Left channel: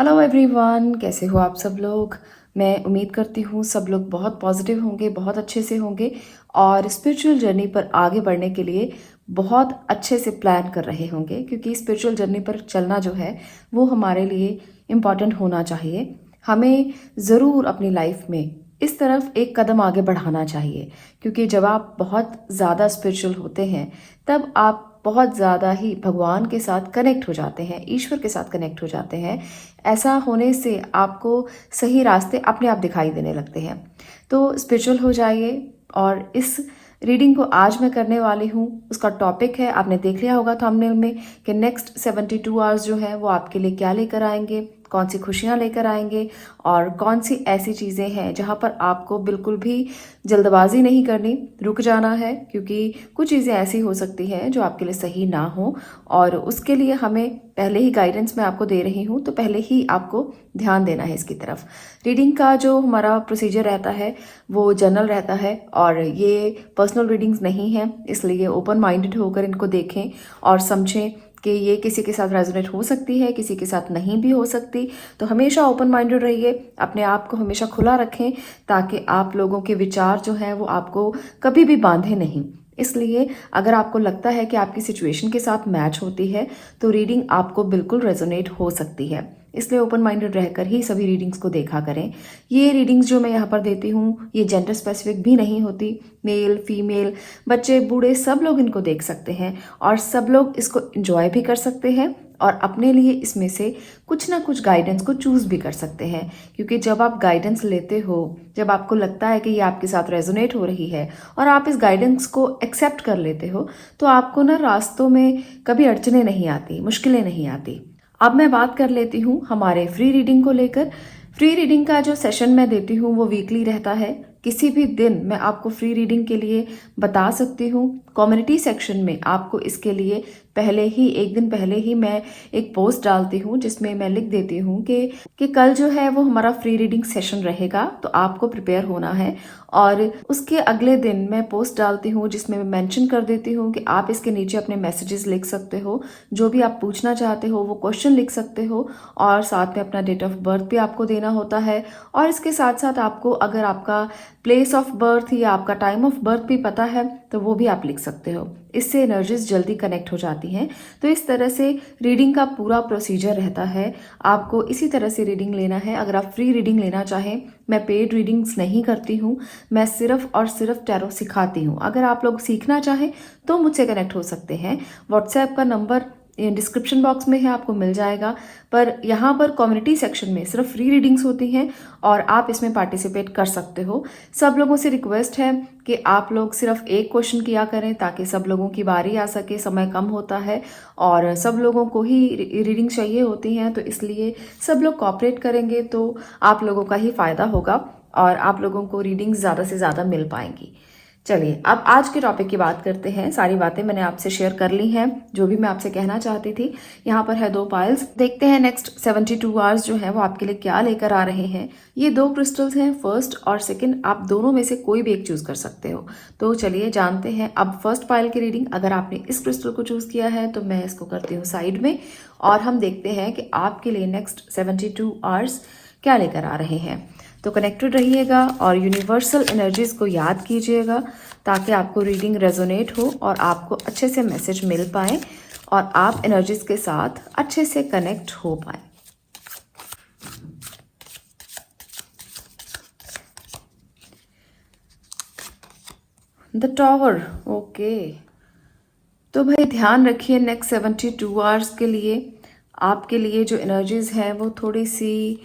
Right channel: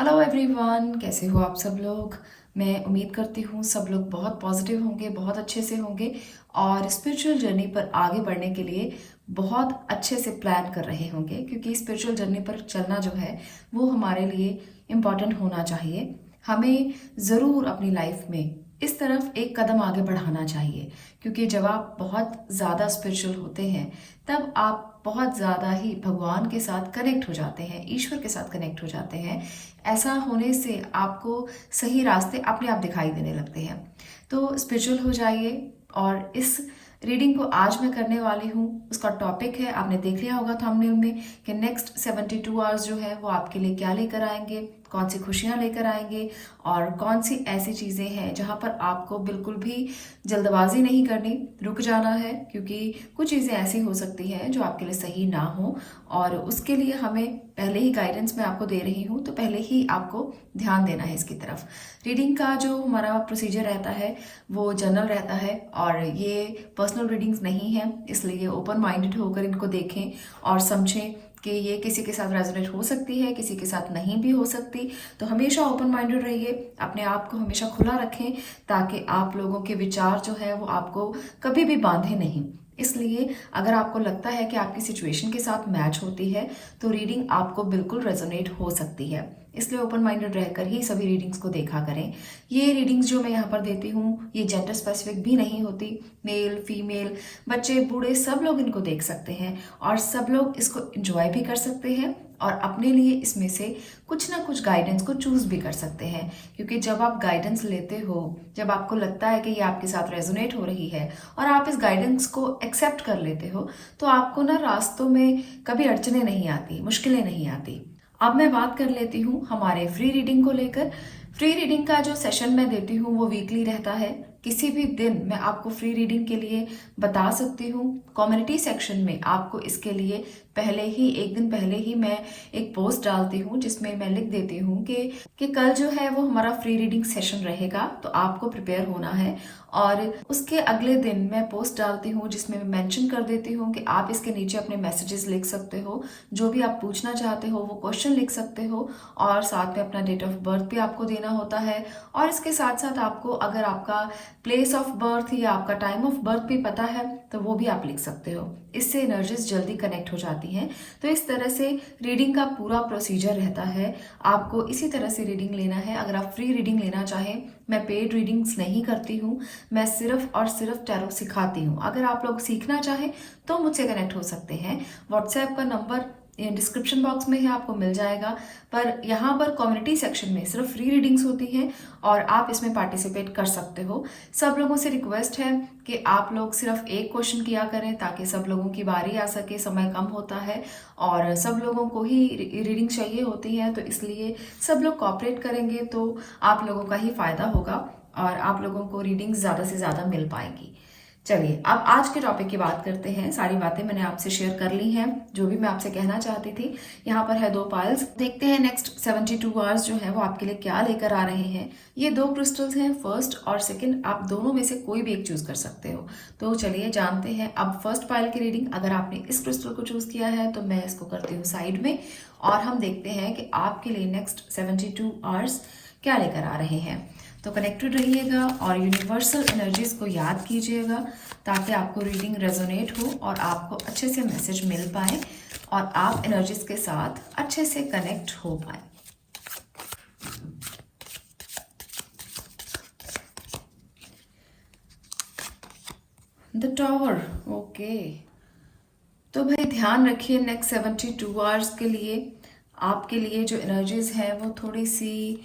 Hello everyone, कैसे हो आप सब लोग। मैं उम्मीद करती हूँ सब लोग बहुत पॉजिटिव होंगे, बहुत अच्छे से होंगे और स्पिरिचुअल जर्नी पर आगे बढ़ने के लिए बहुत अच्छे से प्लान कर रहे होंगे, क्योंकि स्पिरिचुअल जर्नी पर चलना जो है वो हमारे लिए इम्पॉर्टेंट होना चाहिए। हमें ज़रूर अपनी लाइफ में इस तरफ एक कदम आगे बढ़ाना चाहिए, क्योंकि जब आप बहुत ज़्यादा स्पिरिचुअल होते हैं तब आप बहुत ज़्यादा ही भगवान के साथ कनेक्ट हो जाते हैं, ईश्वर के साथ कनेक्ट हो जाते हैं। ऐसा होने से आपको सही रास्ते अपने आप दिखाई देने लगते हैं। तो स्पिरिचुअल हो जाइए। और इस रीडिंग को आज मैं करने वाली हूँ, उसका टॉपिक है, आपने देख लिया होगा थंबनेल में, कि नेक्स्ट 72 आवर्स जो है वो आपके लिए क्या लेकर आएंगे, कौन सी खुशियां लेकर आएंगे और कौन सी ऐसी चीजें हैं जहां पर आपको बिल्कुल भी जल्दबाजी नहीं करनी, रुक जाना है, क्योंकि कुछ चीजें ऐसी हो सकती हैं जो आपके लिए सही ना हो और उसके लिए हमें पहले ही गाइडेंस मैं आपको दे रही हूँ, तो पहले ही आपको ध्यान देना है इसकी तरफ। रीडिंग का जो हमारा प्रोसीजर रहता है वो जनरल रहता है और ये पर्सनल रीडिंग्स नहीं है, इसलिए ओपन माइंडेड होकर इनको देखें और समझें कि ये किसी के साथ रेजोनेट हो सकती है, किसी के साथ नहीं भी हो सकती। तो हमेशा ओपन माइंडेड रहिए, अपने आप को हमेशा खुला रखें, ताकि आप लोगों के विचार जो है वो आपको कभी भी बांधे नहीं। इसलिए अगर आपको लगता है कि आपकी सिचुएशन के साथ मैच होती है तो रीडिंग आपको बिल्कुल रेजोनेट हो सकती है। इसलिए ओपन माइंडेड रहकर ही सभी रीडिंग्स को देखा करें। ये रीडिंग्स जो मैं यहाँ पर देती हूँ ये जेंडर स्पेसिफिक भी नहीं होती, मेल फीमेल बच्चे बूढ़े सब लोग इनको देख सकते हैं और सब लोग इसको एंजॉय भी कर सकते हैं और अपने लिए इसमें से कुछ ना कुछ गाइडेंस को चूज भी कर सकते हैं। क्योंकि जब आप गाइडेंस लेते हो, जब आपको लगता है कि ये आपके साथ रेजोनेट हो रही है और आप इस गाइडेंस को एक्सेप्ट कर लेते हो, तो आपको ना रास्तों में कभी अड़चने नहीं आती, मुश्किलें नहीं आती। अब मैं बात कर लेती हूँ हमारे फ्री रीडिंग को लेकर। फ्री रीडिंग का जो सेशन मैं देती हूँ वो वीकली रहता है। किसी भी दिन मैं आपको फ्री रीडिंग के लिए बता सकती हूँ। कम्युनिटी सेक्शन में आपको इसके लिए पहले ही, एक दिन पहले ही मैं एक पोस्ट डालती हूँ जिसमें मैं लिख देती हूँ कि कल जो है वो हमारा फ्री रीडिंग सेशन रहेगा, तो आपको प्रिपेयर होना है। और उसके अगले दिन मैं पोस्ट डालती हूँ जिसमें मैं मेंशन कर देती हूँ कि आप इसके नीचे अपने मैसेजेस लिख सकते हो, जो भी आप पूछना चाहते हो वो क्वेश्चन लिख सकते हो और साथ में अपना डेट ऑफ बर्थ भी आपको देना होता है। और इसके साथ साथ आपको अगर आपका प्लेस ऑफ बर्थ या आपका टाइम ऑफ बर्थ भी पता है तो वो भी आप लिख सकते हो। इससे एनर्जीज जल्दी कनेक्ट हो जाती हैं। तो इस तरह से रीडिंग का पूरा प्रोसीजर रहता है। आपको इसी तरह से रीडिंग लेना है। अगर आप फ्री रीडिंग लेना चाहें, मैं पेड रीडिंग्स नहीं करती हूँ, मैं सिर्फ और सिर्फ टैरो सिखाती हूँ। अगर आप लोग सीखना चाहें तो मुझसे कनेक्ट हो सकते हैं। व्हाट्सएप का नंबर डिस्क्रिप्शन बॉक्स में है, आपको मिल जाएगा। पर यहाँ पर कम्युनिटी सेक्शन में सिर्फ फ्री रीडिंग्स होती हैं और आप इसमें पार्टिसिपेट कर सकते हो। सब लोगों से रिक्वेस्ट है कि आप लोग सिर्फ एक क्वेश्चन किया करें ताकि सब लोगों की बारी आ सके। समय कम होता है और सब लोगों को ही रीडिंग चाहिए होती है, तो इसलिए सब लोग कोऑपरेट करेंगे तो आप लोगों का ही फायदा होगा और आप लोगों को रीडिंग ज्यादा से ज्यादा मिल पाएंगी। चलिए अब आज के टॉपिक की बात करते हैं। सारी बातें मैंने आपसे शेयर कर ली हैं, जो भी मैं आपसे कहना चाहती थी। यहाँ पर है 2 पाइल्स। देखते हैं नेक्स्ट 72 आवर्स जो है वो आपके लिए क्या लेकर आ रहे हैं। ये 2 क्रिस्टल्स हैं, फर्स्ट और सेकंड। आप दोनों में से कोई भी एक चूज कर सकते हो। तो चलिए जानते हैं अब फर्स्ट पाइल की रीडिंग। अगर आपने इस क्रिस्टल को चूज किया है तो मैं इसको करती हूँ साइड में और हम देखते हैं कि आपके लिए नेक्स्ट 72 आवर्स क्या लेकर आ रहे हैं। तो कनेक्टेड रहिएगा और यूनिवर्सल एनर्जीज को याद कीजिएगा ताकि आपको रीडिंग रेजोनेट हो और आपको अच्छे से मैसेज मिल पाए और आप एनर्जीज के साथ अच्छे से कनेक्ट हो पाए। The tower, okay. तो भाई ध्यान रखिए नेक्स्ट 72 आवर्स के लिए आपके लिए जो एनर्जीज है वो थोड़ी सी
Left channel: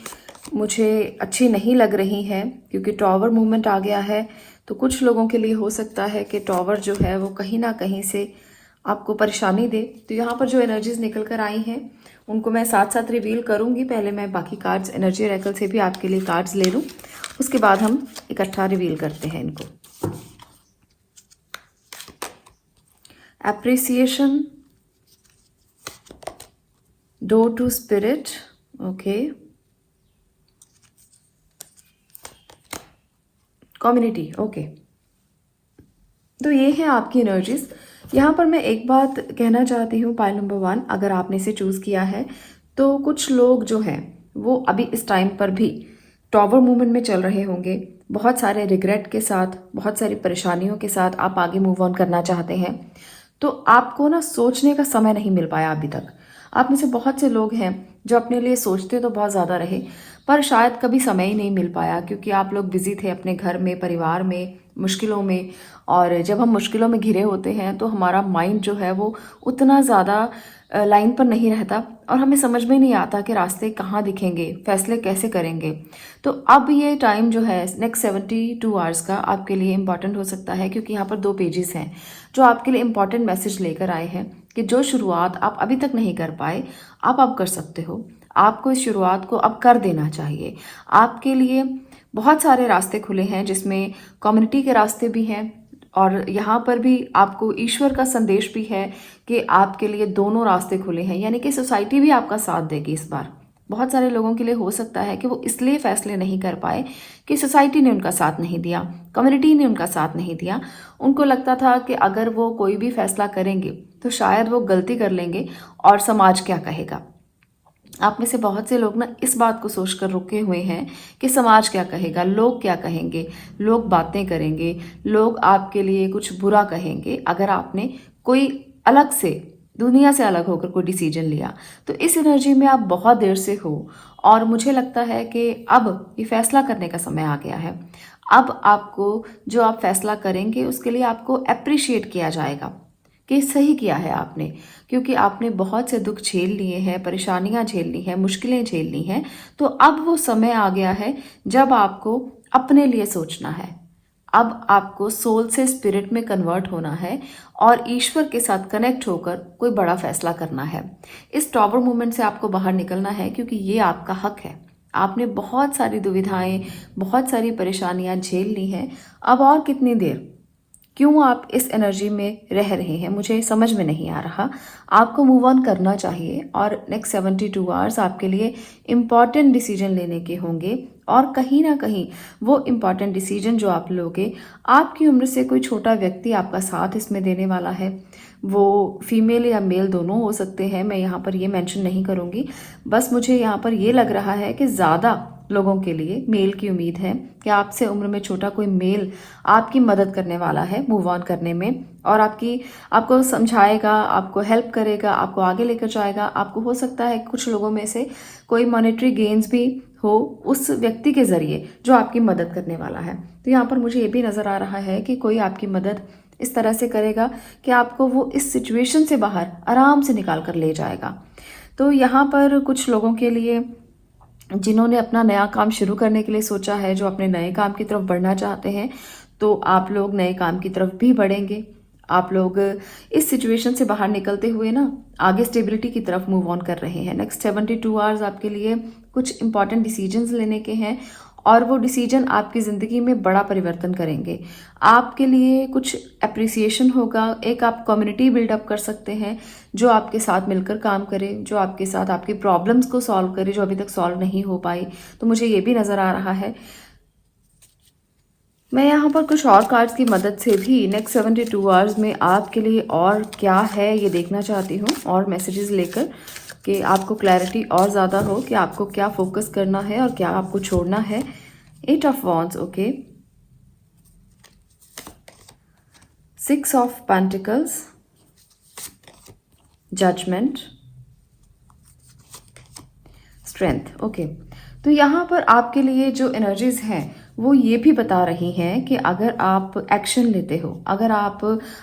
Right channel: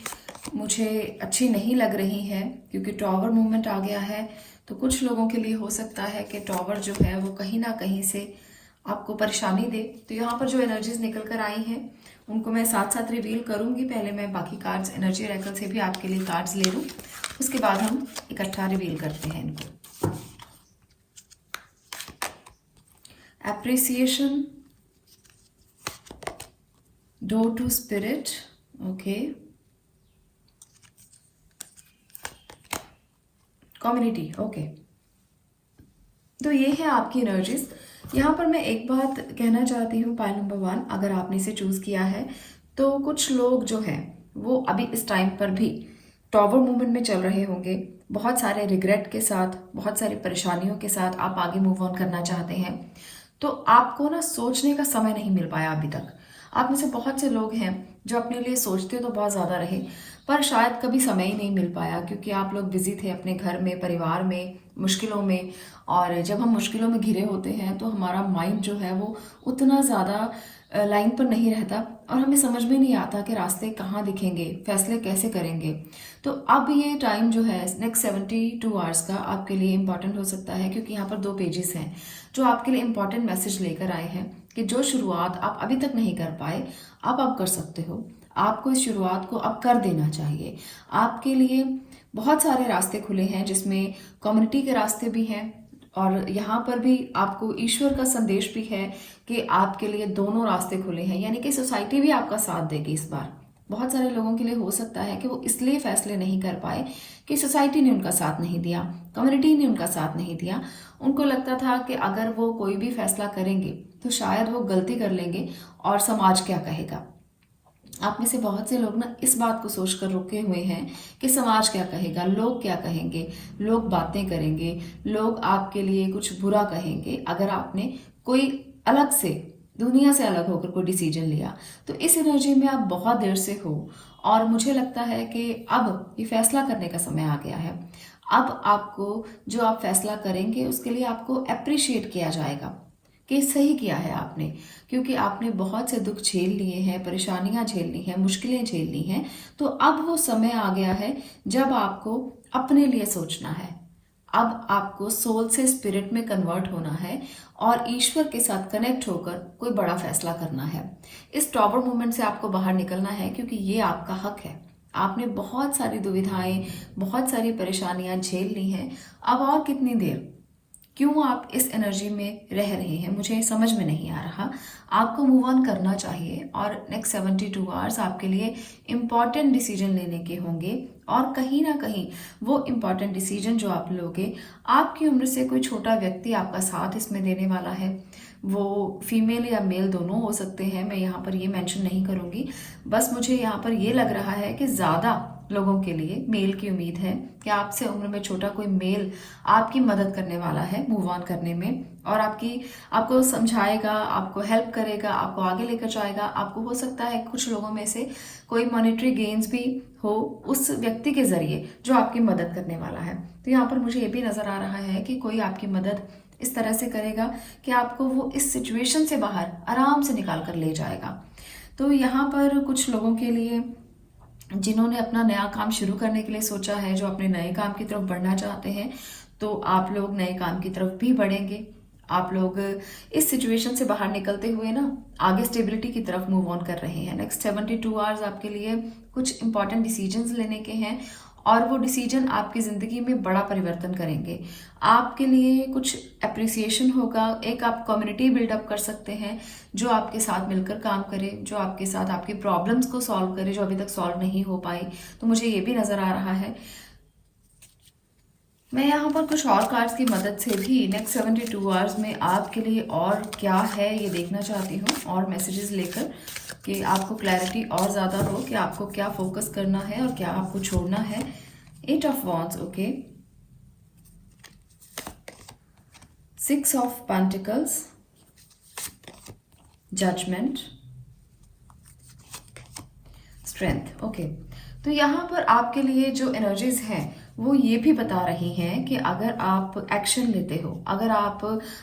मुझे अच्छी नहीं लग रही है, क्योंकि टॉवर मूवमेंट आ गया है। तो कुछ लोगों के लिए हो सकता है कि टॉवर जो है वो कहीं ना कहीं से आपको परेशानी दे। तो यहाँ पर जो एनर्जीज निकल कर आई हैं उनको मैं साथ साथ रिवील करूंगी। पहले मैं बाकी कार्ड्स एनर्जी रेकल से भी आपके लिए कार्ड्स ले लूँ, उसके बाद हम इकट्ठा रिवील करते हैं इनको। Appreciation, door to spirit, okay. Community, okay. तो ये है आपकी एनर्जीज। यहाँ पर मैं एक बात कहना चाहती हूँ, पाइल नंबर 1 अगर आपने इसे चूज किया है तो कुछ लोग जो हैं वो अभी इस टाइम पर भी टॉवर मूवमेंट में चल रहे होंगे। बहुत सारे रिग्रेट के साथ, बहुत सारी परेशानियों के साथ आप आगे मूव ऑन करना चाहते हैं। तो आपको ना सोचने का समय नहीं मिल पाया अभी तक। आप में से बहुत से लोग हैं जो अपने लिए सोचते तो बहुत ज्यादा रहे, पर शायद कभी समय ही नहीं मिल पाया, क्योंकि आप लोग बिजी थे अपने घर में, परिवार में, मुश्किलों में। और जब हम मुश्किलों में घिरे होते हैं तो हमारा माइंड जो है वो उतना ज्यादा लाइन पर नहीं रहता, और हमें समझ में नहीं आता कि रास्ते कहाँ दिखेंगे, फैसले कैसे करेंगे। तो अब ये टाइम जो है नेक्स्ट 72 आवर्स का आपके लिए इम्पॉर्टेंट हो सकता है, क्योंकि यहाँ पर 2 पेजेस हैं जो आपके लिए इम्पॉर्टेंट मैसेज लेकर आए हैं कि जो शुरुआत आप अभी तक नहीं कर पाए, आप अब कर सकते हो। आपको इस शुरुआत को अब कर देना चाहिए। आपके लिए बहुत सारे रास्ते खुले हैं, जिसमें कम्युनिटी के रास्ते भी हैं, और यहाँ पर भी आपको ईश्वर का संदेश भी है कि आपके लिए दोनों रास्ते खुले हैं, यानी कि सोसाइटी भी आपका साथ देगी इस बार। बहुत सारे लोगों के लिए हो सकता है कि वो इसलिए फैसले नहीं कर पाए कि सोसाइटी ने उनका साथ नहीं दिया, कम्युनिटी ने उनका साथ नहीं दिया। उनको लगता था कि अगर वो कोई भी फैसला करेंगे तो शायद वो गलती कर लेंगे और समाज क्या कहेगा। आप में से बहुत से लोग ना इस बात को सोचकर रुके हुए हैं कि समाज क्या कहेगा, लोग क्या कहेंगे, लोग बातें करेंगे, लोग आपके लिए कुछ बुरा कहेंगे अगर आपने कोई अलग से, दुनिया से अलग होकर कोई डिसीजन लिया। तो इस एनर्जी में आप बहुत देर से हो, और मुझे लगता है कि अब ये फैसला करने का समय आ गया है। अब आपको जो आप फैसला करेंगे उसके लिए आपको अप्रिशिएट किया जाएगा कि सही किया है आपने, क्योंकि आपने बहुत से दुख झेल लिए हैं, परेशानियां झेल ली हैं, मुश्किलें झेल ली हैं। तो अब वो समय आ गया है जब आपको अपने लिए सोचना है। अब आपको सोल से स्पिरिट में कन्वर्ट होना है और ईश्वर के साथ कनेक्ट होकर कोई बड़ा फैसला करना है। इस टॉवर मूवमेंट से आपको बाहर निकलना है, क्योंकि ये आपका हक है। आपने बहुत सारी दुविधाएं, बहुत सारी परेशानियां झेल ली हैं। अब और कितनी देर, क्यों आप इस एनर्जी में रह रहे हैं, मुझे समझ में नहीं आ रहा। आपको मूव ऑन करना चाहिए, और नेक्स्ट 72 आवर्स आपके लिए इम्पॉर्टेंट डिसीजन लेने के होंगे। और कहीं ना कहीं वो इम्पॉर्टेंट डिसीजन जो आप लोगे, आपकी उम्र से कोई छोटा व्यक्ति आपका साथ इसमें देने वाला है। वो फीमेल या मेल दोनों हो सकते हैं, मैं यहाँ पर ये मेंशन नहीं करूंगी। बस मुझे यहाँ पर ये लग रहा है कि ज्यादा लोगों के लिए मेल की उम्मीद है कि आपसे उम्र में छोटा कोई मेल आपकी मदद करने वाला है मूव ऑन करने में, और आपको समझाएगा, आपको हेल्प करेगा, आपको आगे लेकर जाएगा। आपको हो सकता है कुछ लोगों में से कोई मॉनेटरी गेन्स भी हो उस व्यक्ति के जरिए जो आपकी मदद करने वाला है। तो यहाँ पर मुझे ये भी नजर आ रहा है कि कोई आपकी मदद इस तरह से करेगा कि आपको वो इस सिचुएशन से बाहर आराम से निकाल कर ले जाएगा। तो यहाँ पर कुछ लोगों के लिए जिन्होंने अपना नया काम शुरू करने के लिए सोचा है, जो अपने नए काम की तरफ बढ़ना चाहते हैं, तो आप लोग नए काम की तरफ भी बढ़ेंगे। आप लोग इस सिचुएशन से बाहर निकलते हुए ना आगे स्टेबिलिटी की तरफ मूव ऑन कर रहे हैं। नेक्स्ट 72 आवर्स आपके लिए कुछ इंपॉर्टेंट डिसीजंस लेने के हैं, और वो डिसीजन आपकी जिंदगी में बड़ा परिवर्तन करेंगे। आपके लिए कुछ अप्रिसिएशन होगा। एक आप कम्युनिटी बिल्डअप कर सकते हैं जो आपके साथ मिलकर काम करे, जो आपके साथ आपकी प्रॉब्लम्स को सॉल्व करे जो अभी तक सॉल्व नहीं हो पाई। तो मुझे ये भी नजर आ रहा है। मैं यहाँ पर कुछ और कार्ड्स की मदद से भी नेक्स्ट 72 आवर्स में आपके लिए और क्या है ये देखना चाहती हूँ, और मैसेजेस लेकर कि आपको क्लैरिटी और ज़्यादा हो कि आपको क्या फोकस करना है और क्या आपको छोड़ना है। 8 of wands, okay, 6 of pentacles, judgement, strength, okay. तो यहाँ पर आपके लिए जो एनर्जीज हैं वो ये भी बता रही हैं कि अगर आप एक्शन लेते हो, अगर आप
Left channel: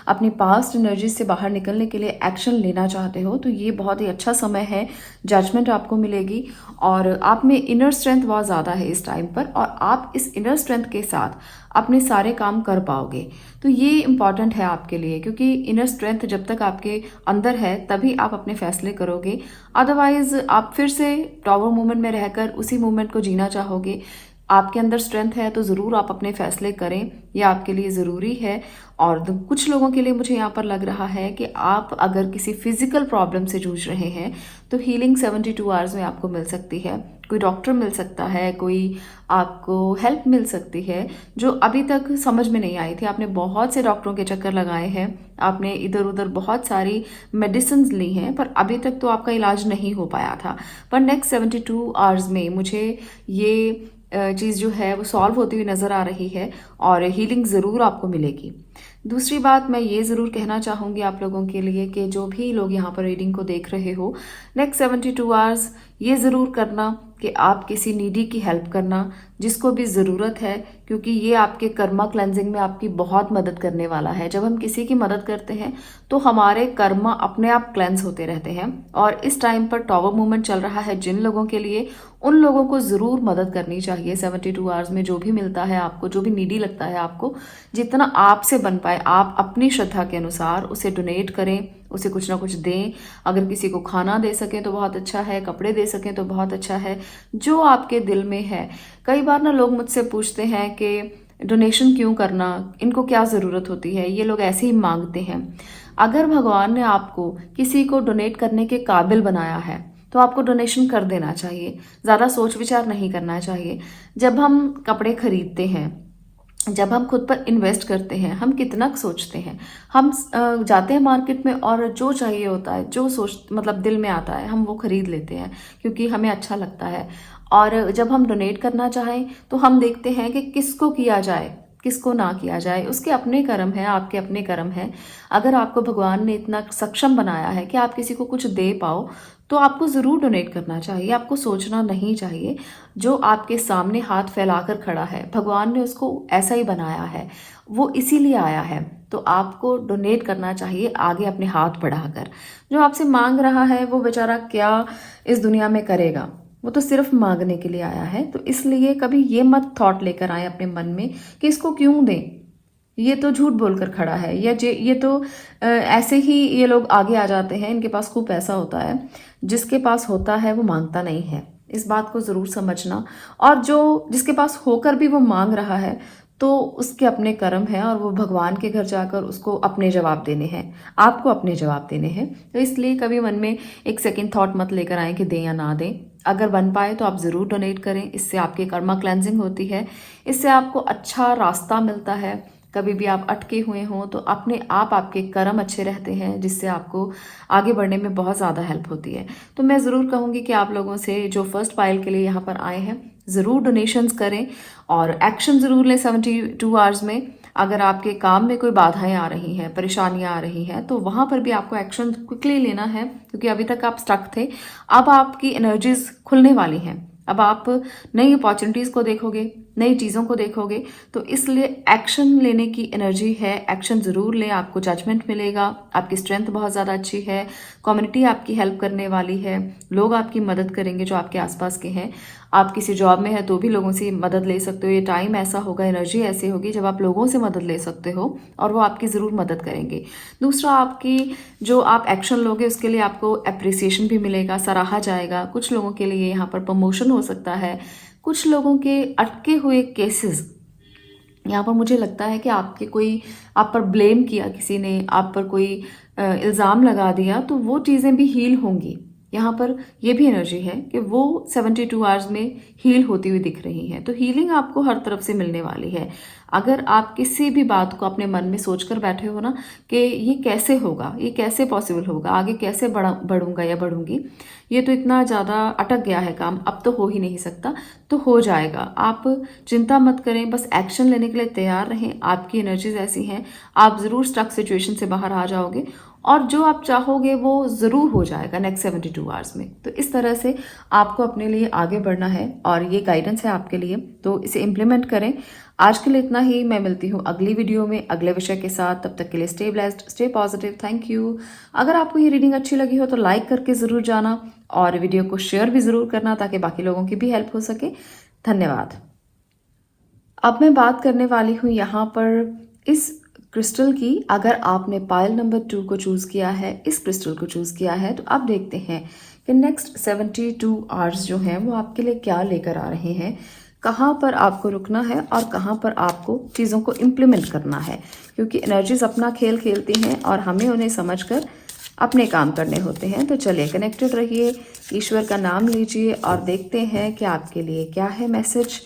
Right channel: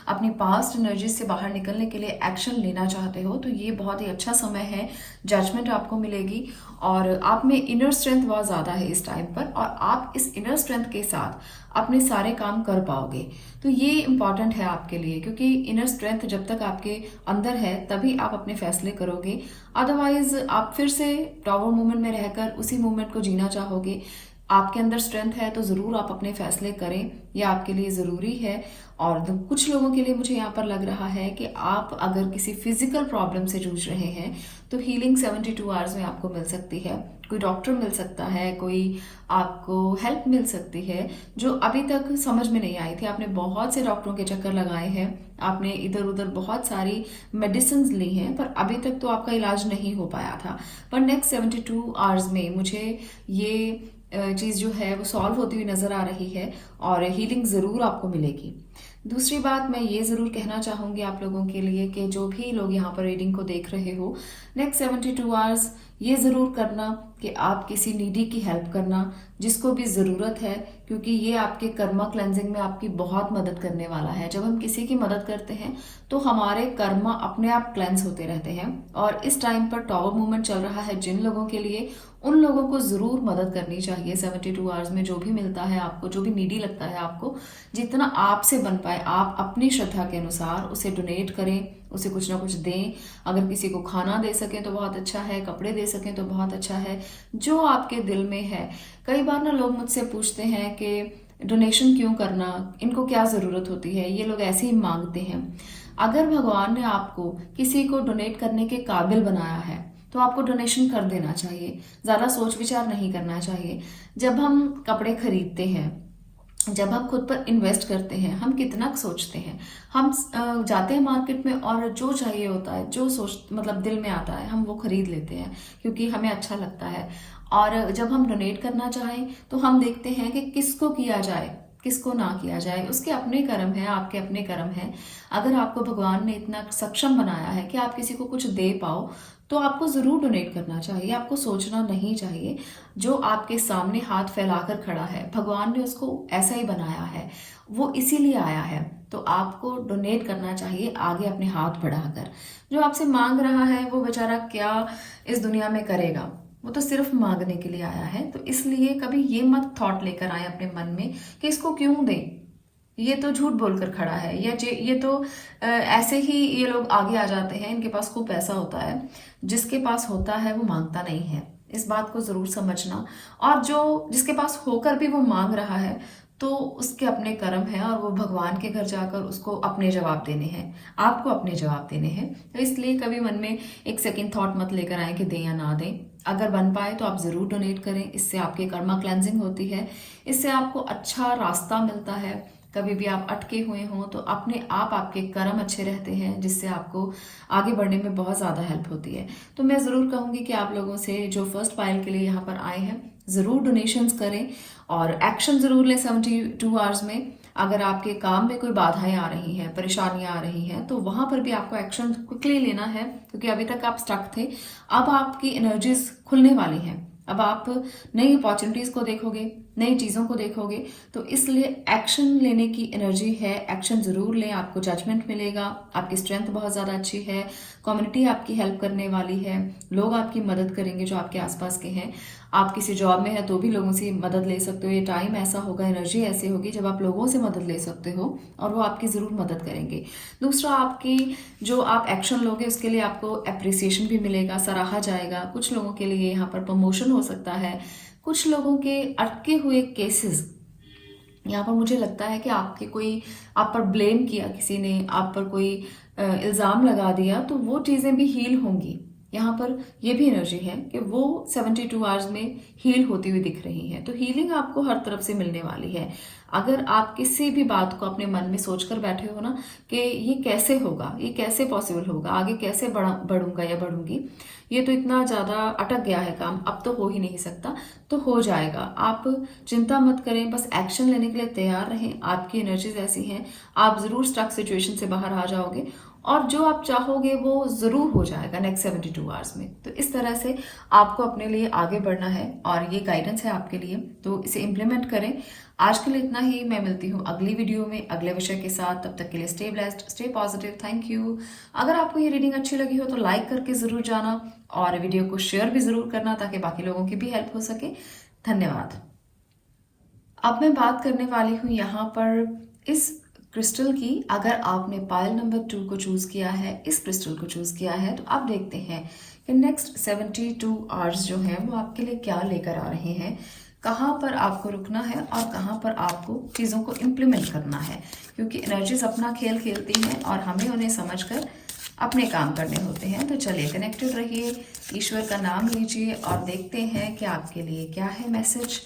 अपनी पास्ट एनर्जी से बाहर निकलने के लिए एक्शन लेना चाहते हो, तो ये बहुत ही अच्छा समय है। जजमेंट आपको मिलेगी, और आप में इनर स्ट्रेंथ बहुत ज्यादा है इस टाइम पर, और आप इस इनर स्ट्रेंथ के साथ अपने सारे काम कर पाओगे। तो ये इंपॉर्टेंट है आपके लिए, क्योंकि इनर स्ट्रेंथ जब तक आपके अंदर है तभी आप अपने फैसले करोगे। अदरवाइज आप फिर से टॉवर मूवमेंट में रहकर उसी मूवमेंट को जीना चाहोगे। आपके अंदर स्ट्रेंथ है तो जरूर आप अपने फैसले करें, यह आपके लिए जरूरी है। और कुछ लोगों के लिए मुझे यहाँ पर लग रहा है कि आप अगर किसी फिजिकल प्रॉब्लम से जूझ रहे हैं तो हीलिंग 72 आवर्स में आपको मिल सकती है। कोई डॉक्टर मिल सकता है, कोई आपको हेल्प मिल सकती है जो अभी तक समझ में नहीं आई थी। आपने बहुत से डॉक्टरों के चक्कर लगाए हैं, आपने इधर उधर बहुत सारी मेडिसिन ली हैं, पर अभी तक तो आपका इलाज नहीं हो पाया था। पर नेक्स्ट 72 आवर्स में मुझे ये चीज जो है वो सॉल्व होती हुई नजर आ रही है और हीलिंग जरूर आपको मिलेगी। दूसरी बात मैं ये जरूर कहना चाहूंगी आप लोगों के लिए कि जो भी लोग यहाँ पर रीडिंग को देख रहे हो, नेक्स्ट 72 आवर्स ये जरूर करना कि आप किसी नीडी की हेल्प करना जिसको भी जरूरत है, क्योंकि ये आपके कर्मा क्लेंजिंग में आपकी बहुत मदद करने वाला है। जब हम किसी की मदद करते हैं तो हमारे कर्मा अपने आप क्लेंस होते रहते हैं। और इस टाइम पर टॉवर मूवमेंट चल रहा है जिन लोगों के लिए, उन लोगों को जरूर मदद करनी चाहिए। 72 आवर्स में जो भी मिलता है आपको, जो भी नीडी लगता है आपको, जितना आपसे बन पाए आप अपनी श्रद्धा के अनुसार उसे डोनेट करें, उसे कुछ ना कुछ दें। अगर किसी को खाना दे सके तो बहुत अच्छा है, कपड़े दे सके तो बहुत अच्छा है, जो आपके दिल में है। कई बार ना लोग मुझसे पूछते हैं कि डोनेशन क्यों करना, इनको क्या जरूरत होती है, ये लोग ऐसे ही मांगते हैं। अगर भगवान ने आपको किसी को डोनेट करने के काबिल बनाया है तो आपको डोनेशन कर देना चाहिए, ज्यादा सोच विचार नहीं करना चाहिए। जब हम कपड़े खरीदते हैं, जब हम खुद पर इन्वेस्ट करते हैं, हम कितना सोचते हैं। हम जाते हैं मार्केट में और जो चाहिए होता है, जो सोच मतलब दिल में आता है, हम वो खरीद लेते हैं क्योंकि हमें अच्छा लगता है। और जब हम डोनेट करना चाहें तो हम देखते हैं कि किसको किया जाए, किसको ना किया जाए। उसके अपने कर्म है, आपके अपने कर्म है। अगर आपको भगवान ने इतना सक्षम बनाया है कि आप किसी को कुछ दे पाओ तो आपको जरूर डोनेट करना चाहिए। आपको सोचना नहीं चाहिए। जो आपके सामने हाथ फैलाकर खड़ा है, भगवान ने उसको ऐसा ही बनाया है, वो इसीलिए आया है। तो आपको डोनेट करना चाहिए आगे अपने हाथ बढ़ाकर। जो आपसे मांग रहा है वो बेचारा क्या इस दुनिया में करेगा, वो तो सिर्फ मांगने के लिए आया है। तो इसलिए कभी ये मत थॉट लेकर आए अपने मन में कि इसको क्यों दें, ये तो झूठ बोलकर खड़ा है, या ये तो ऐसे ही ये लोग आगे आ जाते हैं, इनके पास खूब पैसा होता है। जिसके पास होता है वो मांगता नहीं है, इस बात को जरूर समझना। और जो जिसके पास होकर भी वो मांग रहा है तो उसके अपने कर्म है और वो भगवान के घर जाकर उसको अपने जवाब देने हैं, आपको अपने जवाब देने हैं। तो इसलिए कभी मन में एक सेकंड थॉट मत लेकर आए कि दें या ना दें। अगर बन पाए तो आप जरूर डोनेट करें, इससे आपकी कर्मा क्लेंजिंग होती है, इससे आपको अच्छा रास्ता मिलता है। कभी भी आप अटके हुए हो तो अपने आप आपके कर्म अच्छे रहते हैं, जिससे आपको आगे बढ़ने में बहुत ज्यादा हेल्प होती है। तो मैं जरूर कहूंगी कि आप लोगों से जो फर्स्ट पाइल के लिए यहाँ पर आए हैं, जरूर डोनेशंस करें और एक्शन जरूर लें 72 आवर्स में। अगर आपके काम में कोई बाधाएं आ रही हैं, परेशानियां आ रही हैं, तो वहां पर भी आपको एक्शन क्विकली लेना है, क्योंकि अभी तक आप स्टक थे। अब आपकी एनर्जीज खुलने वाली हैं, अब आप नई अपॉर्चुनिटीज को देखोगे, नई चीजों को देखोगे। तो इसलिए एक्शन लेने की एनर्जी है, एक्शन जरूर लें। आपको जजमेंट मिलेगा, आपकी स्ट्रेंथ बहुत ज्यादा अच्छी है, कम्युनिटी आपकी हेल्प करने वाली है, लोग आपकी मदद करेंगे जो आपके आसपास के हैं। आप किसी जॉब में है तो भी लोगों से मदद ले सकते हो। ये टाइम ऐसा होगा, एनर्जी ऐसी होगी जब आप लोगों से मदद ले सकते हो और वो आपकी जरूर मदद करेंगे। दूसरा, आपकी जो आप एक्शन लोगे उसके लिए आपको अप्रिसिएशन भी मिलेगा, सराहा जाएगा। कुछ लोगों के लिए यहाँ पर प्रमोशन हो सकता है। कुछ लोगों के अटके हुए केसेस, यहाँ पर मुझे लगता है कि आप पर ब्लेम किया किसी ने, आप पर कोई इल्जाम लगा दिया, तो वो चीजें भी हील होंगी। यहाँ पर ये भी एनर्जी है कि वो 72 आवर्स में हील होती हुई दिख रही है। तो हीलिंग आपको हर तरफ से मिलने वाली है। अगर आप किसी भी बात को अपने मन में सोचकर बैठे हो ना कि ये कैसे होगा, ये कैसे पॉसिबल होगा, आगे कैसे बढ़ूंगा या बढ़ूंगी, ये तो इतना ज्यादा अटक गया है काम, अब तो हो ही नहीं सकता, तो हो जाएगा। आप चिंता मत करें, बस एक्शन लेने के लिए तैयार रहें। आपकी एनर्जीज ऐसी हैं, आप जरूर स्टक सिचुएशन से बाहर आ जाओगे और जो आप चाहोगे वो जरूर हो जाएगा नेक्स्ट 72 आवर्स में। तो इस तरह से आपको अपने लिए आगे बढ़ना है और ये गाइडेंस है आपके लिए, तो इसे इम्प्लीमेंट करें। आज के लिए इतना ही। मैं मिलती हूँ अगली वीडियो में अगले विषय के साथ। तब तक के लिए stay blessed, stay positive. Thank you. अगर आपको ये रीडिंग अच्छी लगी हो तो लाइक करके जरूर जाना और वीडियो को शेयर भी जरूर करना ताकि बाकी लोगों की भी हेल्प हो सके। धन्यवाद। अब मैं बात करने वाली हूँ यहाँ पर इस क्रिस्टल की। अगर आपने पाइल नंबर 2 को चूज किया है, इस क्रिस्टल को चूज किया है, तो आप देखते हैं कि नेक्स्ट 72 आवर्स जो है वो आपके लिए क्या लेकर आ रहे हैं। कहाँ पर आपको रुकना है और कहाँ पर आपको चीज़ों को इम्प्लीमेंट करना है, क्योंकि एनर्जीज अपना खेल खेलती हैं और हमें उन्हें समझकर अपने काम करने होते हैं। तो चलिए कनेक्टेड रहिए, ईश्वर का नाम लीजिए और देखते हैं कि आपके लिए क्या है मैसेज,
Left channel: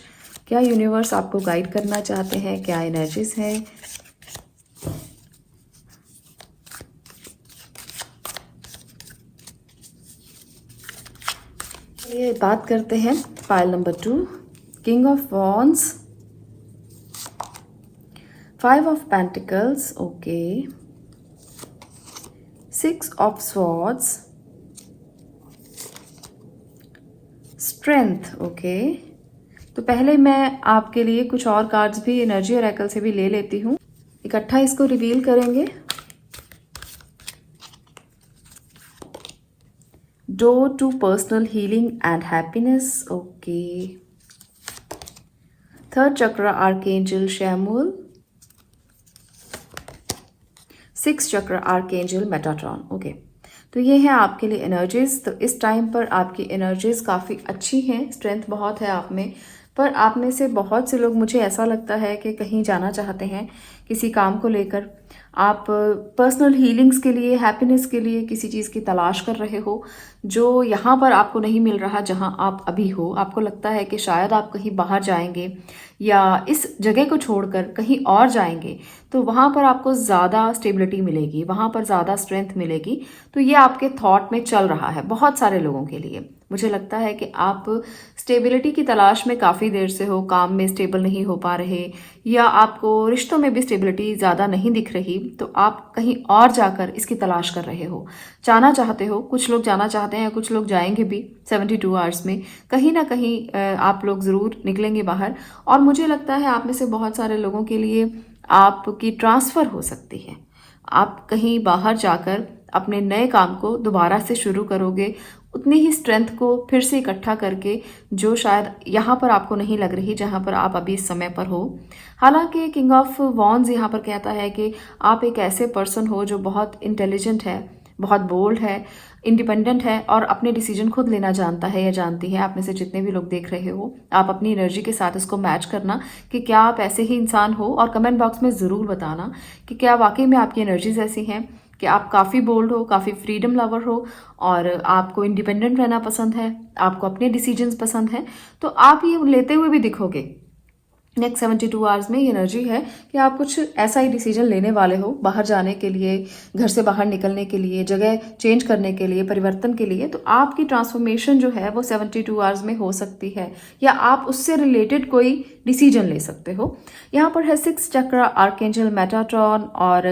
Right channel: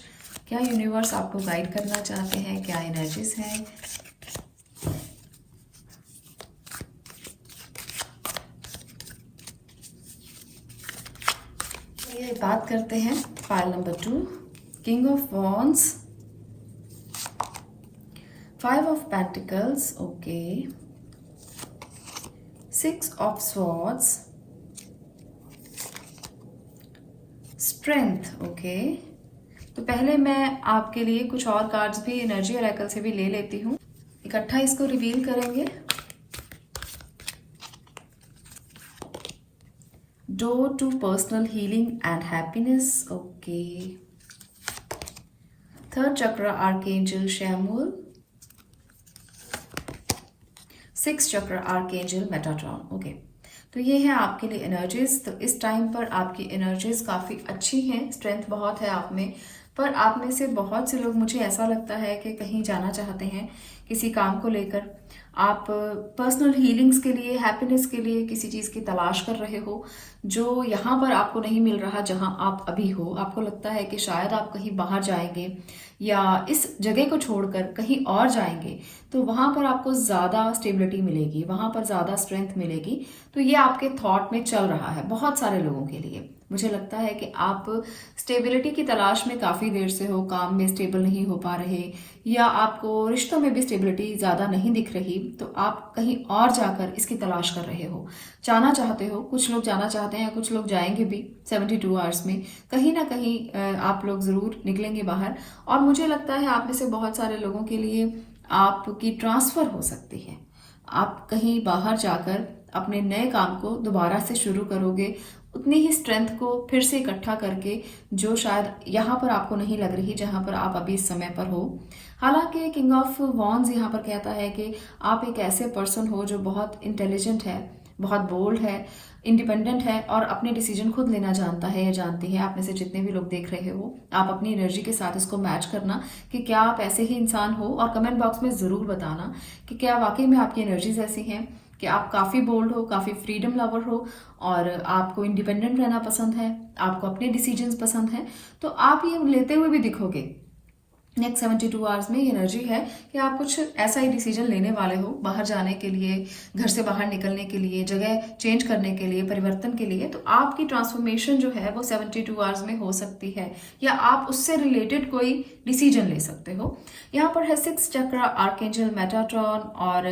क्या यूनिवर्स आपको गाइड करना चाहते हैं, क्या एनर्जीज है। ये बात करते हैं file number 2, king of wands, 5 of pentacles, okay, 6 of swords, strength, okay. तो पहले मैं आपके लिए कुछ और कार्ड्स भी एनर्जी ऑरेकल से भी ले लेती हूँ, इकट्ठा इसको रिवील करेंगे। Door to personal healing and happiness, okay. Third chakra archangel Shamuel, 6th chakra archangel Metatron, okay. तो ये है आपके लिए एनर्जीज। तो इस टाइम पर आपकी एनर्जीज काफ़ी अच्छी हैं, स्ट्रेंथ बहुत है आप में। पर आप में से बहुत से लोग, मुझे ऐसा लगता है कि कहीं जाना चाहते हैं किसी काम को लेकर, आप पर्सनल हीलिंग्स के लिए, हैप्पीनेस के लिए किसी चीज़ की तलाश कर रहे हो जो यहाँ पर आपको नहीं मिल रहा जहाँ आप अभी हो। आपको लगता है कि शायद आप कहीं बाहर जाएंगे या इस जगह को छोड़कर कहीं और जाएंगे तो वहाँ पर आपको ज़्यादा स्टेबिलिटी मिलेगी, वहाँ पर ज़्यादा स्ट्रेंथ मिलेगी। तो ये आपके थॉट में चल रहा है बहुत सारे लोगों के लिए। मुझे लगता है कि आप स्टेबिलिटी की तलाश में काफ़ी देर से हो, काम में स्टेबल नहीं हो पा रहे या आपको रिश्तों में भी स्टेबिलिटी ज़्यादा नहीं दिख रही, तो आप कहीं और जाकर इसकी तलाश कर रहे हो, जाना चाहते हो। कुछ लोग जाना चाहते हैं, कुछ लोग जाएंगे भी 72 आवर्स में, कहीं ना कहीं आप लोग ज़रूर निकलेंगे बाहर। और मुझे लगता है आप में से बहुत सारे लोगों के लिए आपकी ट्रांसफ़र हो सकती है। आप कहीं बाहर जाकर अपने नए काम को दोबारा से शुरू करोगे, उतनी ही स्ट्रेंथ को फिर से इकट्ठा करके जो शायद यहाँ पर आपको नहीं लग रही जहाँ पर आप अभी इस समय पर हो। हालांकि किंग ऑफ वॉन्ड्स यहाँ पर कहता है कि आप एक ऐसे पर्सन हो जो बहुत इंटेलिजेंट है, बहुत बोल्ड है, इंडिपेंडेंट है और अपने डिसीजन खुद लेना जानता है या जानती है। आप में से जितने भी लोग देख रहे हो, आप अपनी एनर्जी के साथ इसको मैच करना कि क्या आप ऐसे ही इंसान हो, और कमेंट बॉक्स में ज़रूर बताना कि क्या वाकई में आपकी एनर्जीज ऐसी हैं कि आप काफ़ी बोल्ड हो, काफ़ी फ्रीडम लवर हो और आपको इंडिपेंडेंट रहना पसंद है, आपको अपने डिसीजंस पसंद हैं। तो आप ये लेते हुए भी दिखोगे। नेक्स्ट 72 आवर्स में ये एनर्जी है कि आप कुछ ऐसा ही डिसीजन लेने वाले हो बाहर जाने के लिए, घर से बाहर निकलने के लिए, जगह चेंज करने के लिए, परिवर्तन के लिए। तो आपकी ट्रांसफॉर्मेशन जो है वो 72 आवर्स में हो सकती है या आप उससे रिलेटेड कोई डिसीजन ले सकते हो। यहाँ पर है 6 चक्र आर्कएंजल मेटाट्रॉन और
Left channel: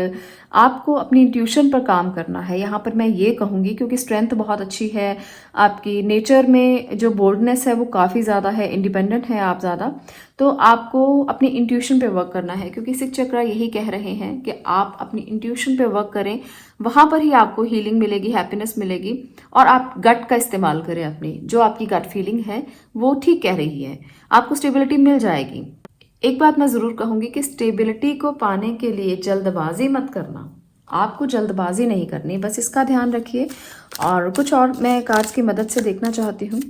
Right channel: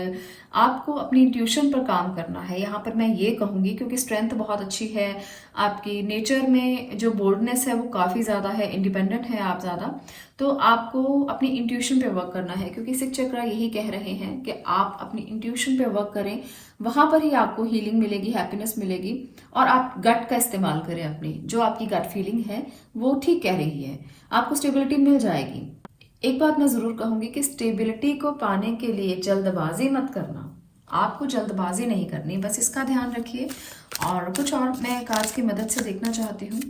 आपको अपनी इंट्यूशन पर काम करना है। यहाँ पर मैं ये कहूँगी क्योंकि स्ट्रेंथ बहुत अच्छी है, आपकी नेचर में जो बोल्डनेस है वो काफ़ी ज़्यादा है, इंडिपेंडेंट है आप ज़्यादा, तो आपको अपनी इंट्यूशन पे वर्क करना है। क्योंकि 6 चक्र यही कह रहे हैं कि आप अपनी इंट्यूशन पे वर्क करें, वहाँ पर ही आपको हीलिंग मिलेगी, हैप्पीनेस मिलेगी। और आप गट का इस्तेमाल करें, अपनी जो आपकी गट फीलिंग है वो ठीक कह रही है, आपको स्टेबिलिटी मिल जाएगी। एक बात मैं ज़रूर कहूँगी कि स्टेबिलिटी को पाने के लिए जल्दबाजी मत करना, आपको जल्दबाजी नहीं करनी, बस इसका ध्यान रखिए। और कुछ और मैं कार्ड्स की मदद से देखना चाहती हूँ।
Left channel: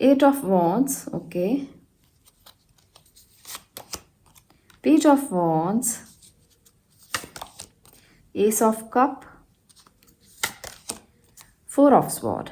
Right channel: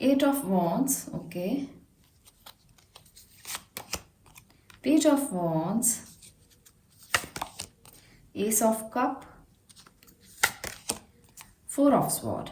Eight of Wands, okay. Page of Wands, Ace of Cup, 4 of Sword।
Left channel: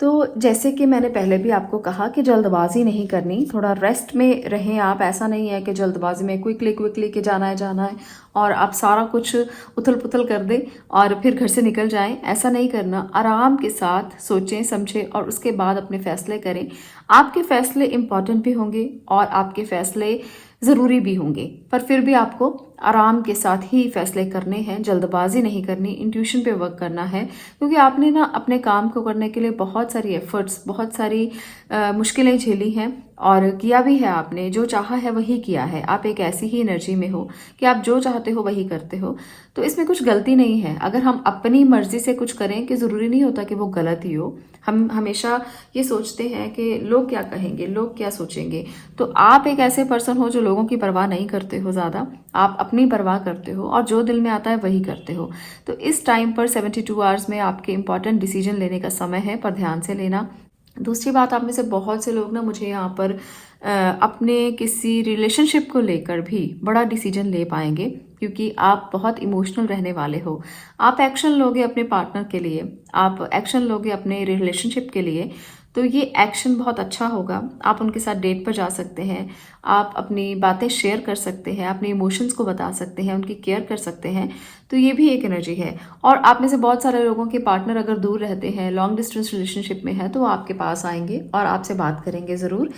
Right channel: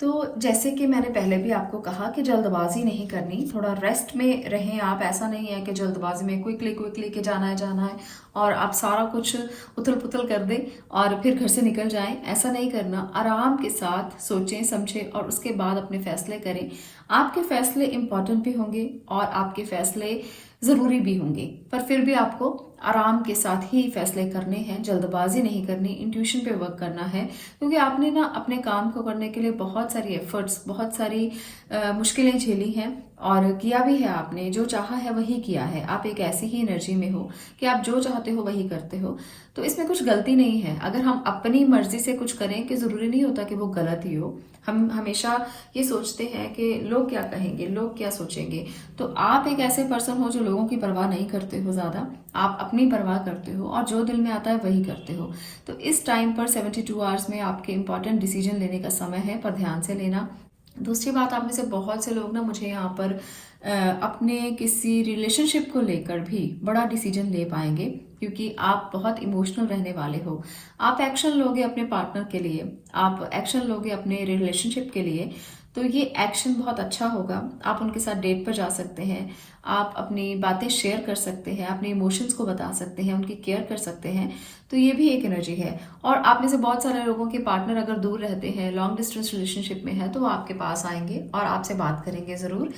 तो जैसे कि मैंने पहले भी आपको कहा कि जल्दबाजी नहीं करनी, थोड़ा रेस्ट में रहें आप। ऐसा नहीं है कि जल्दबाजी में क्विकली के जाना है और आप सारा कुछ उथल पुथल कर दें और फिर घर से निकल जाएं। ऐसा नहीं करना, आराम के साथ सोचें समझें और उसके बाद अपने फैसले करें। आपके फैसले इम्पॉर्टेंट भी होंगे और आपके फैसले ज़रूरी भी होंगे, पर फिर भी आपको आराम के साथ ही फैसले करने हैं, जल्दबाजी नहीं करनी, इंट्यूशन पे वर्क करना है। क्योंकि आपने ना अपने काम को करने के लिए बहुत सारी एफर्ट्स, बहुत सारी मुश्किलें झेली हैं और किया भी है आपने, जो चाहा है वही किया है। आप एक ऐसी ही एनर्जी में हो कि आप जो चाहते हो वही करते हो। तो इसमें कुछ गलती नहीं है। अगर हम अपनी मर्जी से कुछ करें कि जरूरी नहीं होता कि वो गलत ही हो। हम हमेशा ये सोचते हैं कि लोग क्या कहेंगे, लोग क्या सोचेंगे। तो आप एक ऐसे पर्सन हो जो लोगों की परवाह नहीं करते हो ज्यादा, आप अपनी परवाह करते हो और जो दिल में आता है वही करते हो। तो इस टाइम पर 72 आवर्स में आपके इंपॉर्टेंट डिसीजन लेने का समय है, पर ध्यान से लेना। दूसरी बात, आप में से बहुत से लोग ना मुझे यहाँ पर अपने किसी रिलेशनशिप को लेकर भी बड़ा डिसीजन ले पाएंगे, क्योंकि आप बहुत इमोशनल रहने वाले हो। आप एक्शन लोगे अपने पार्टनर के लिए, आप एक्शन लोगे अपने रिलेशनशिप के लिए। तो ये एक्शन बहुत अच्छा होगा। आप उनके साथ डेट पर जा सकते हैं, आप अपनी बातें शेयर कर सकते हैं, अपने इमोशंस को बता सकते हैं, उनकी केयर कर सकते हैं। तो ये भी एक एनर्जी है। और आप में से बहुत सारे लोगों के पार्टनर अगर दूर रहते हैं, लॉन्ग डिस्टेंस रिलेशनशिप में है, तो वो आपके पास आएंगे और आपसे बात करेंगे जरूर।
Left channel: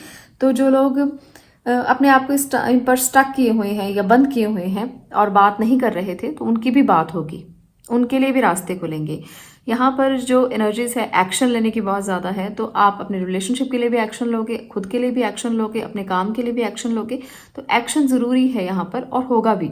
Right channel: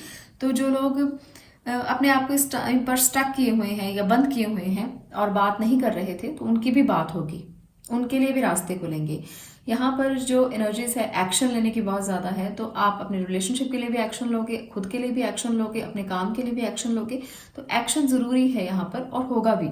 तो जो लोग अपने आप को इस टाइम पर स्टक किए हुए हैं या बंद किए हुए हैं और बात नहीं कर रहे थे, तो उनकी भी बात होगी, उनके लिए भी रास्ते खुलेंगे। यहाँ पर जो एनर्जीज है एक्शन लेने की बहुत ज्यादा है। तो आप अपने रिलेशनशिप के लिए भी एक्शन लोगे, खुद के लिए भी एक्शन लोगे, अपने काम के लिए भी एक्शन लोगे। तो एक्शन जरूरी है यहाँ पर और होगा भी।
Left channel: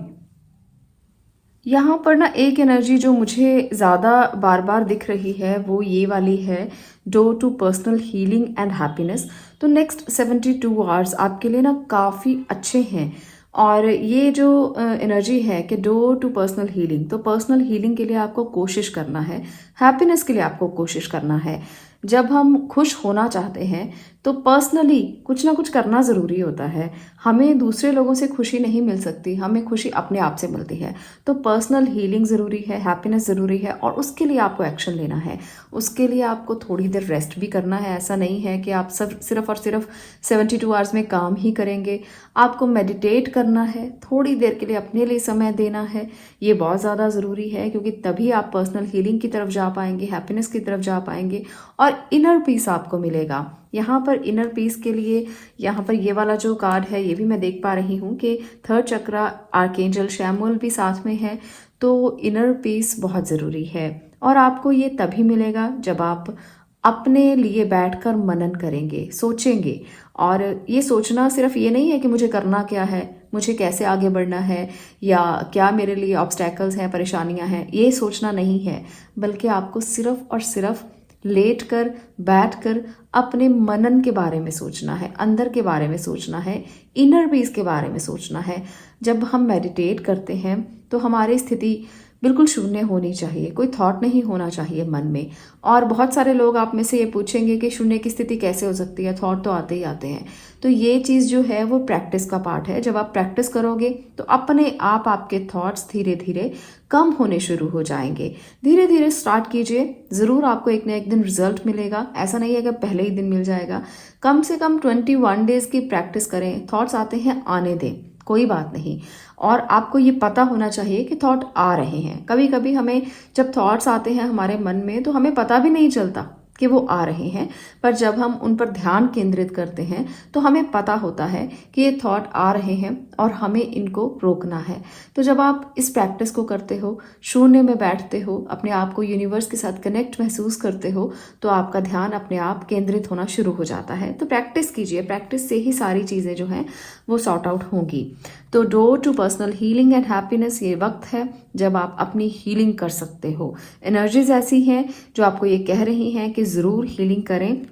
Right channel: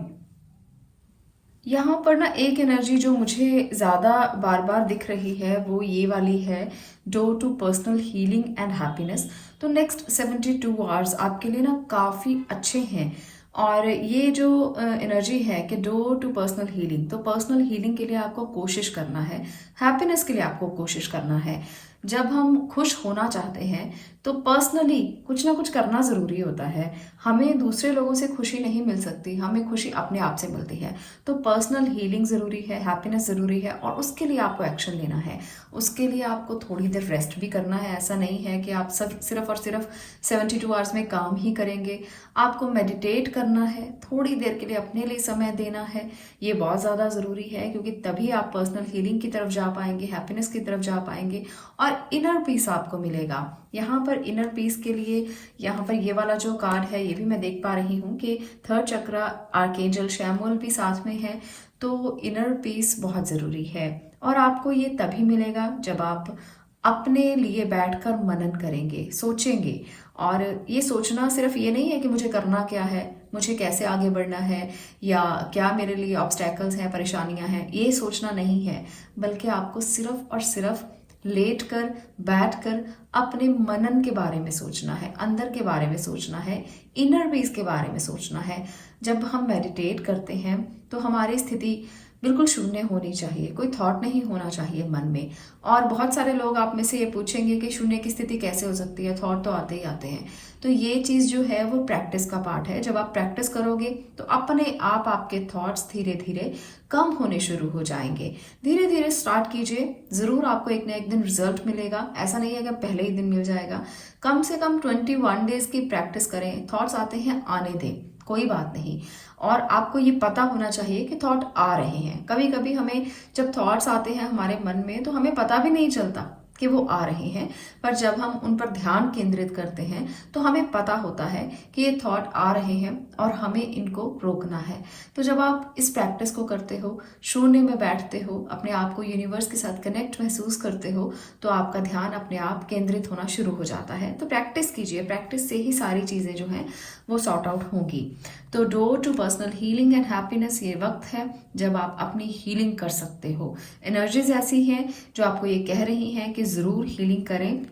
यहाँ पर ना एक एनर्जी जो मुझे ज्यादा बार बार दिख रही है वो ये वाली है, door to personal healing and happiness. तो नेक्स्ट 72 आवर्स आपके लिए ना काफी अच्छे हैं। और ये जो एनर्जी है कि डोर टू पर्सनल हीलिंग, तो पर्सनल हीलिंग के लिए आपको कोशिश करना है, हैप्पीनेस के लिए आपको कोशिश करना है। जब हम खुश होना चाहते हैं तो पर्सनली कुछ ना कुछ करना जरूरी होता है। हमें दूसरे लोगों से खुशी नहीं मिल सकती, हमें खुशी अपने आप से मिलती है। तो पर्सनल हीलिंग जरूरी है, हैप्पीनेस जरूरी है, और उसके लिए आपको एक्शन लेना है। उसके लिए आपको थोड़ी देर रेस्ट भी करना है। ऐसा नहीं है कि आप सब सिर्फ और सिर्फ 72 आवर्स में काम ही करेंगे। आपको मेडिटेट करना है, थोड़ी देर के लिए अपने लिए समय देना है। ये बहुत ज्यादा जरूरी है, क्योंकि तभी आप पर्सनल हीलिंग की तरफ जा पाएंगे, हैप्पीनेस की तरफ जा पाएंगे और इनर पीस आपको मिलेगा। यहाँ पर इनर पीस के लिए यहाँ पर ये वाला जो कार्ड है, ये भी मैं देख पा रही हूँ कि थर्ड चक्रा आर्कएंजल शैमुएल भी साथ में है। तो इनर पीस बहुत जरूरी है और आपको ये तभी मिलेगा जब आप अपने लिए बैठकर मनन करेंगे, सोचेंगे। और ये सोचना सिर्फ ये नहीं है कि मुझे करना क्या है, मुझे कैसे आगे बढ़ना है, या क्या मेरे लिए ऑब्स्टैकल्स हैं, परेशानियां हैं, ये सोचना नहीं है। बल्कि आपको सिर्फ और सिर्फ लेट कर, बैठ कर अपने मनन के बारे में सोचना है, अंदर के बारे में सोचना है, इनर पीस के बारे में सोचना है। जब हम मेडिटेट करते हैं तो हमारी स्थिति बिल्कुल शून्य होनी चाहिए, कोई थॉट नहीं होना चाहिए मन में। और बहुत सारे लोग आप में से ये पूछेंगे कि शून्य की स्थिति कैसे हो सकती है, थॉट तो आते ही आते हैं। तो ये चीज जो है वो प्रैक्टिस का पार्ट है। जब आप प्रैक्टिस करोगे तो अपने आप आपके थॉट्स धीरे धीरे कम होने शुरू हो जाएंगे। धीरे धीरे स्टार्ट कीजिए, जरूर आपको एक ना एक दिन रिजल्ट मिलेगा। ऐसा नहीं है कि पहले ही दिन मिल जाएगा। कम से कम 21 डेज की प्रैक्टिस करें। थॉट्स आते हैं, आने दें, कोई बात नहीं। और आपको ये पता होना चाहिए कि थॉट आ रहे हैं। कभी कभी हमें जब थॉट्स आते हैं हमारे मन में तो हमें पता भी नहीं चलता कि वो आ रहे हैं, पर जब हम उन पर ध्यान केंद्रित करते हैं तो हमें पता होता है कि ये थॉट आ रहे हैं और हमें इनको रोकना है। तो जब आप इस प्रैक्टिस को करते हो, शून्य में बैठते हो, अपने आप को यूनिवर्स के साथ कनेक्ट महसूस करते हो, तो आपका ध्यान अपने आप केंद्रित होना शुरू हो जाता है। तो प्रैक्टिस कीजिए, प्रैक्टिस से ही सारी चीजें जो हैं वो सॉर्ट आउट होंगी। तो door to personal healing and happiness, ये वक्त है जब आप अपनी हीलिंग कर सकते हो। एनर्जीज ऐसी हैं जो आपको ये कह रही हैं कि जरूर हीलिंग करें।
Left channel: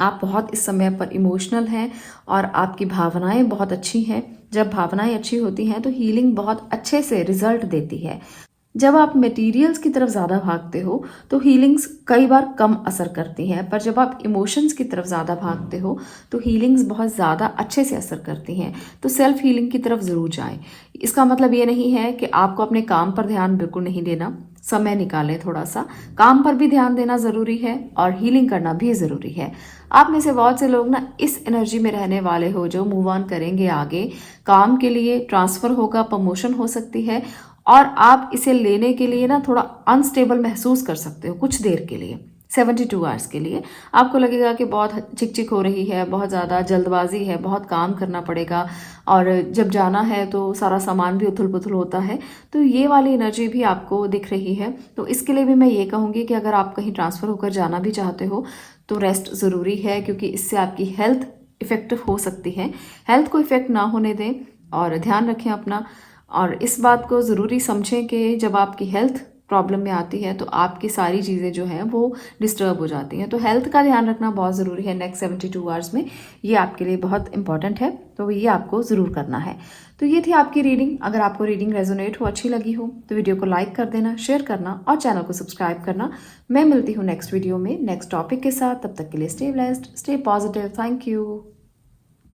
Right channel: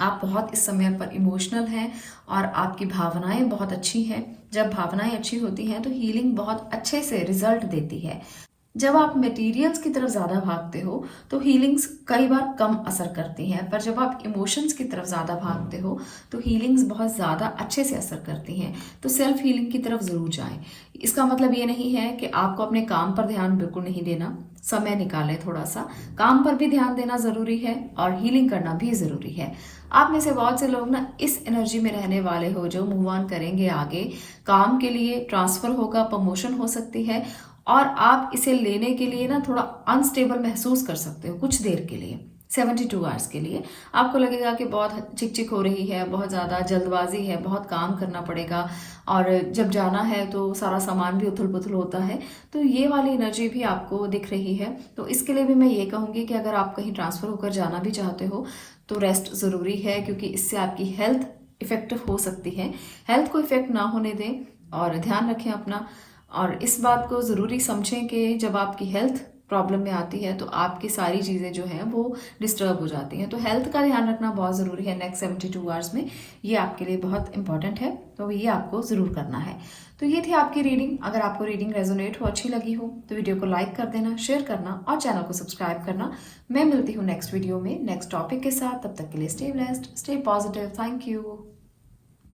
आप बहुत इस समय पर इमोशनल हैं और आपकी भावनाएं बहुत अच्छी हैं। जब भावनाएं अच्छी होती हैं तो हीलिंग बहुत अच्छे से रिजल्ट देती है। जब आप मटेरियल्स की तरफ ज्यादा भागते हो तो हीलिंग्स कई बार कम असर करती हैं, पर जब आप इमोशंस की तरफ ज्यादा भागते हो तो हीलिंग्स बहुत ज्यादा अच्छे से असर करती हैं। तो सेल्फ हीलिंग की तरफ जरूर जाएं। इसका मतलब ये नहीं है कि आपको अपने काम पर ध्यान बिल्कुल नहीं देना। समय निकालें, थोड़ा सा काम पर भी ध्यान देना जरूरी है और हीलिंग करना भी जरूरी है। आप में से बहुत से लोग ना इस एनर्जी में रहने वाले हो जो मूव ऑन करेंगे आगे। काम के लिए ट्रांसफर होगा, प्रमोशन हो सकती है और आप इसे लेने के लिए ना थोड़ा अनस्टेबल महसूस कर सकते हो कुछ देर के लिए। 72 आवर्स के लिए आपको लगेगा कि बहुत चिकचिक हो रही है, बहुत ज्यादा जल्दबाजी है, बहुत काम करना पड़ेगा और जब जाना है तो सारा सामान भी उथल पुथल होता है। तो ये वाली एनर्जी भी आपको दिख रही है। तो इसके लिए भी मैं ये कहूंगी कि अगर आप कहीं ट्रांसफर होकर जाना भी चाहते हो तो रेस्ट जरूरी है, क्योंकि इससे आपकी हेल्थ इफेक्टिव हो सकती है। हेल्थ को इफेक्ट ना होने दें और ध्यान रखें अपना। और इस बात को ज़रूरी समझें कि जब आपकी हेल्थ प्रॉब्लम में आती है तो आपकी सारी चीज़ें जो हैं वो डिस्टर्ब हो जाती हैं। तो हेल्थ का ध्यान रखना बहुत ज़रूरी है नेक्स्ट 72 आवर्स में, ये आपके लिए बहुत इंपॉर्टेंट है, तो ये आपको ज़रूर करना है। तो ये थी आपकी रीडिंग। अगर आपको रीडिंग रेजोनेट हो, अच्छी लगी हो, तो वीडियो को लाइक कर देना, शेयर करना और चैनल को सब्सक्राइब करना। मैं मिलती हूँ नेक्स्ट वीडियो में नेक्स्ट टॉपिक के साथ। तब तक के लिए stay blessed, stay positive. Thank you.